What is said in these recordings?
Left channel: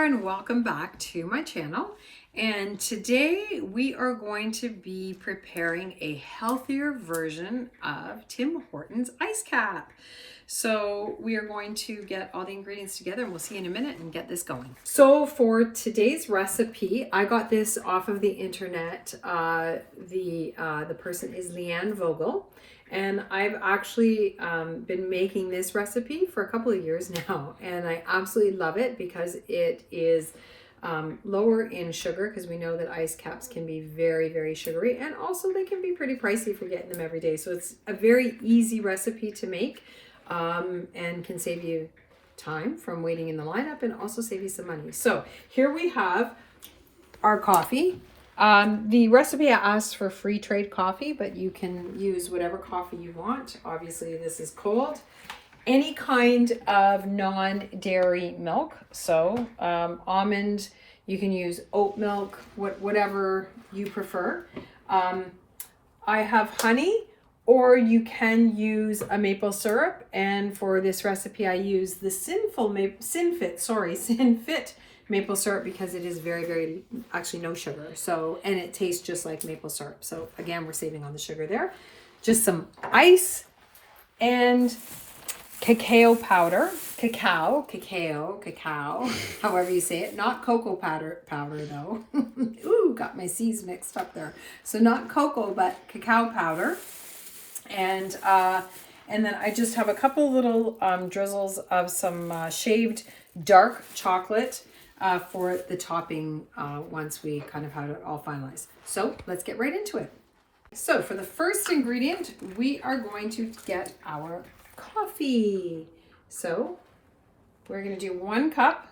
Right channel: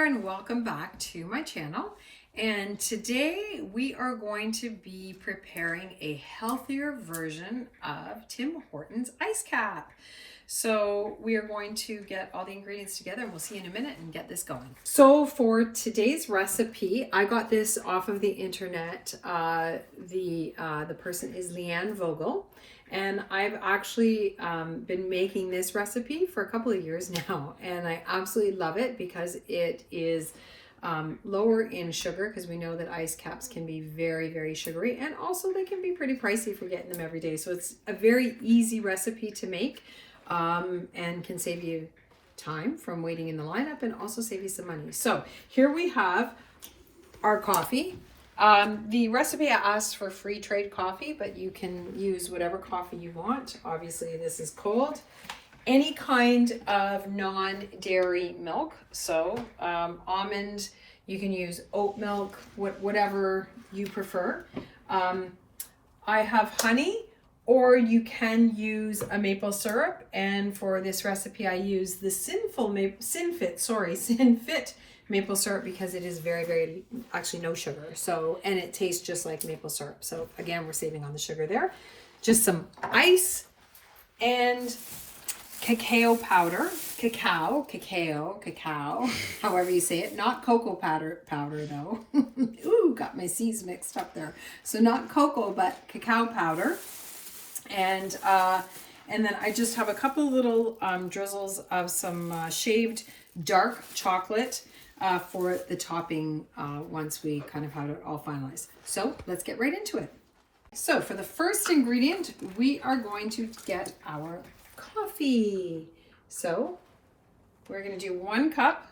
there, and welcome back to my channel. And today we are going to be preparing a healthier version of Tim Hortons ice cap. So we are going to get all the ingredients together and we'll see you in a minute and get this going. So for today's recipe, I got this off of the internet. The person is Leanne Vogel. And I've actually been making this recipe for a couple of years now, and I absolutely love it because it is lower in sugar, because we know that ice caps can be very, very sugary, and also they can be pretty pricey if you're getting them every day. So it's a very easy recipe to make and can save you time from waiting in the lineup and also save you some money. So here we have our coffee. The recipe asks for free trade coffee, but you can use whatever coffee you want. Obviously, this is cold. Any kind of non-dairy milk. So almond, you can use oat milk, whatever you prefer. I have honey, or you can use a maple syrup. And for this recipe, I use the Sinfit maple syrup because it is very, very, actually no sugar. So, and it tastes just like maple syrup. So again, we're saving on the sugar there. Just some ice and cacao powder, cacao, however you say it, not cocoa powder though. Ooh, got my C's mixed up there. So not cocoa, but cacao powder. And then I just have a couple little drizzles of some shaved dark chocolate for the topping once we kind of had it all finalized. So let's get right into it. So for the first ingredient, we are going to get our coffee. So we're going to do 1 cup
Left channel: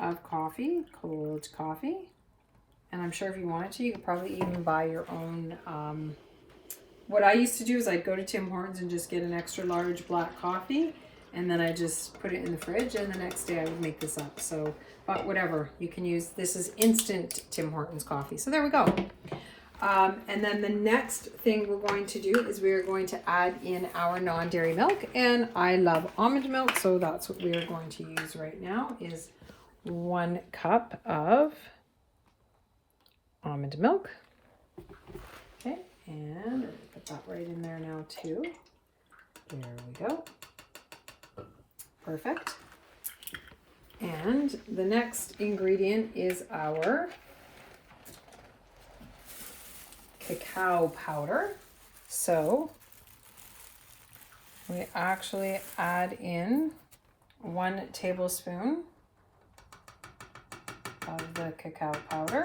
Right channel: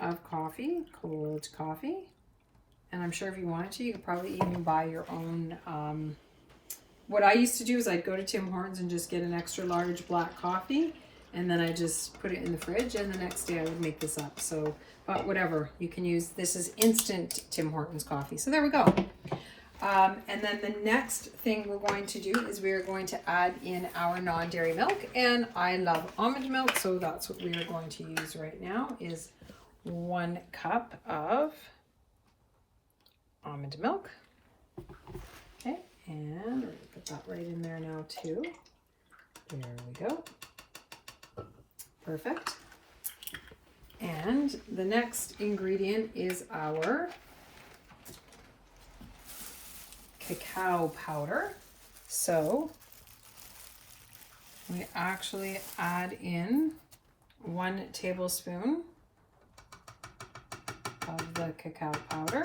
of coffee, cold coffee. And I'm sure if you wanted to, you could probably even buy your own. What I used to do is I'd go to Tim Hortons and just get an extra large black coffee. And then I just put it in the fridge, and the next day I would make this up. So, but whatever, you can use, this is instant Tim Hortons coffee. So there we go. And then the next thing we're going to do is we are going to add in our non-dairy milk. And I love almond milk, so that's what we are going to use right now is 1 cup of almond milk. Okay, and we're gonna put that right in there now too. There we go. Perfect. And the next ingredient is our cacao powder. So we actually add in 1 tablespoon of the cacao powder.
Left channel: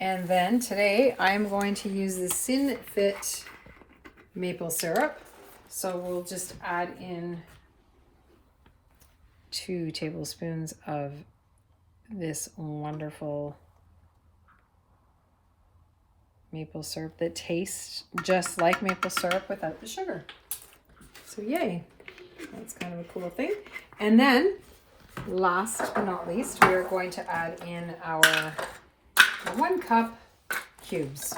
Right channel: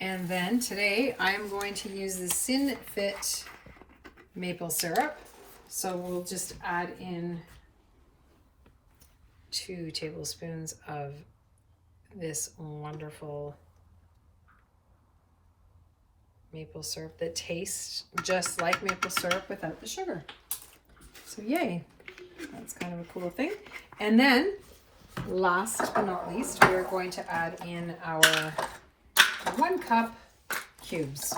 And then today I'm going to use the Sinfit maple syrup. So we'll just add in 2 tablespoons of this wonderful maple syrup that tastes just like maple syrup without the sugar. So yay, that's kind of a cool thing. And then last but not least, we are going to add in our 1 cup cubes.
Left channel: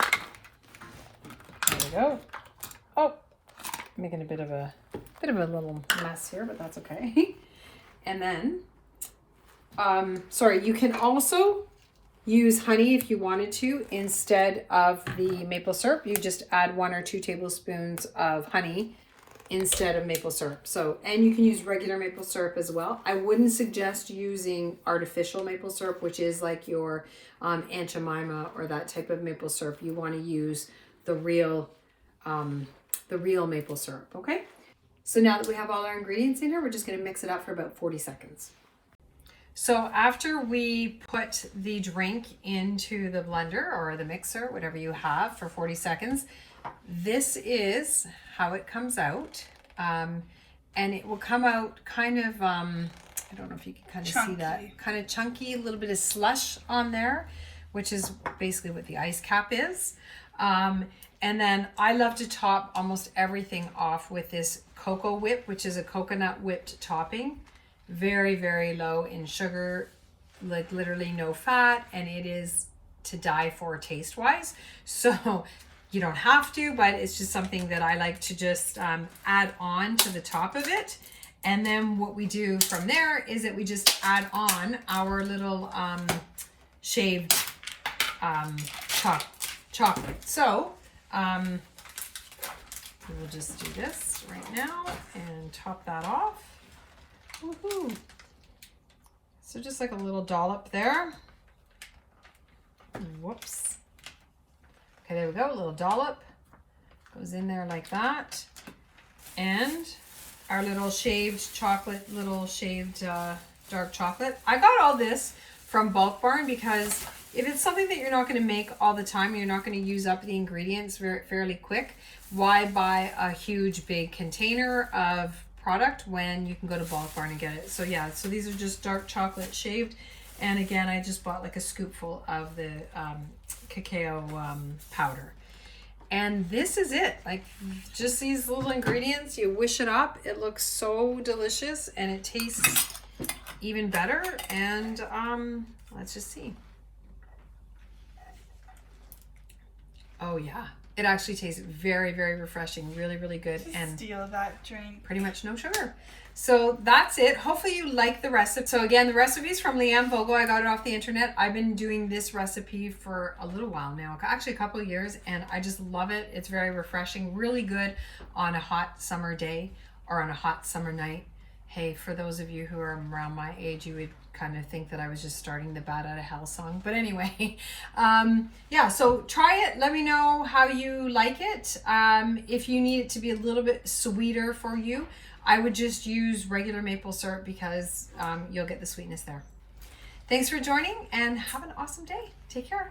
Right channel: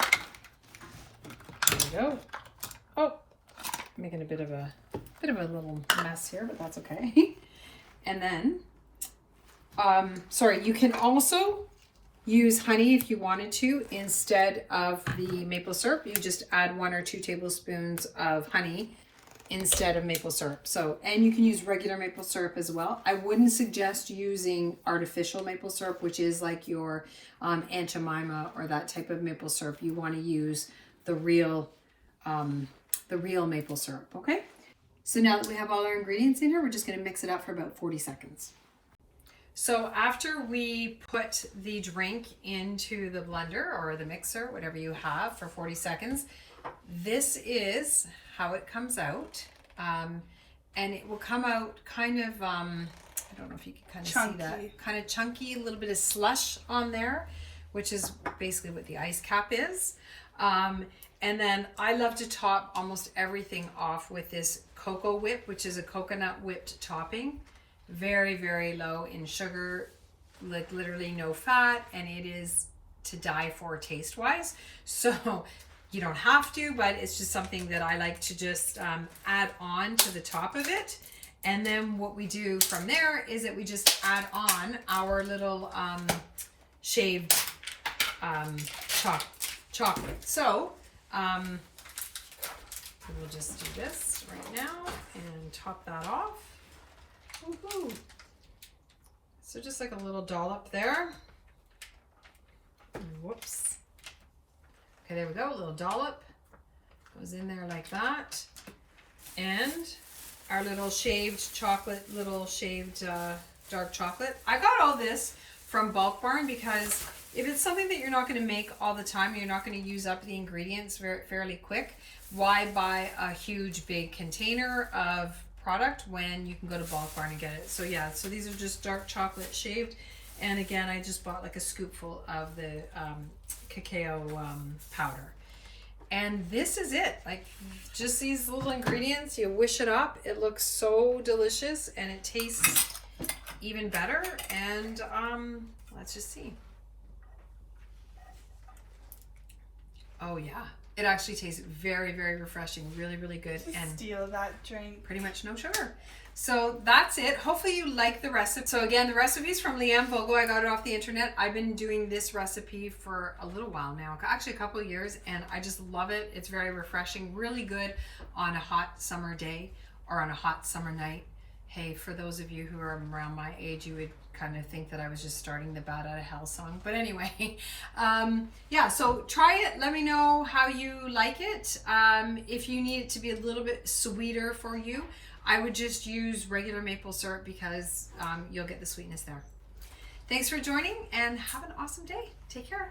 There we go. Oh, making a bit of a little mess here, but that's okay. And then, sorry, you can also use honey if you wanted to instead of the maple syrup. You just add 1 or 2 tablespoons of honey instead of maple syrup. So, and you can use regular maple syrup as well. I wouldn't suggest using artificial maple syrup, which is like your Aunt Jemima or that type of maple syrup. You want to use the real maple syrup, okay? So now that we have all our ingredients in here, we're just going to mix it up for about 40 seconds. So after we put the drink into the blender or the mixer, whatever you have, for 40 seconds, this is how it comes out. And it will come out kind of, I don't know if you can kind of see that, kind of chunky, a little bit of slush on there, which is basically what the ice cap is. And then I love to top almost everything off with this cocoa whip, which is a coconut whipped topping. Very, very low in sugar, like literally no fat, and it is to die for taste wise. So you don't have to, but it's just something that I like to just add on to the top of it. And then what we do from there is that we just add on our little shaved chocolate. So we'll just do this right now and top that off. Woohoo! So just like a little dollop there. Whoops. Okay, there we go, a little dollop. Goes in there like that. And our little shaved chocolate, dark chocolate. I got all this from Bulk Barn because if it's something that you're not going to make all the time, you're not going to use up the ingredients fairly quick, why buy a huge big container of product when you can go to Bulk Barn and get it? So yeah, so these are just dark chocolate shaved. And again, I just bought like a scoopful of the cacao powder. And this is it, like just these little ingredients, you whisk it up. It looks so delicious and it tastes even better. And let's just see. Oh yeah, it actually tastes very, very refreshing, really, really good. And steal that drink. Pretty much no sugar. So that's it. Hopefully you like the recipe. So again, the recipe is from Leanne Vogel. I got it off the internet. I've been doing this recipe for a little while now, actually a couple of years, and I just love it. It's very refreshing, really good on a hot summer day or on a hot summer night. Hey, for those of you who are around my age, you would kind of think that I was just starting the Bat Out of Hell song. But anyway, yeah, so try it. Let me know how you like it. If you need it to be a little bit sweeter for you, I would just use regular maple syrup because you'll get the sweetness there. Thanks for joining and have an awesome day. Take care.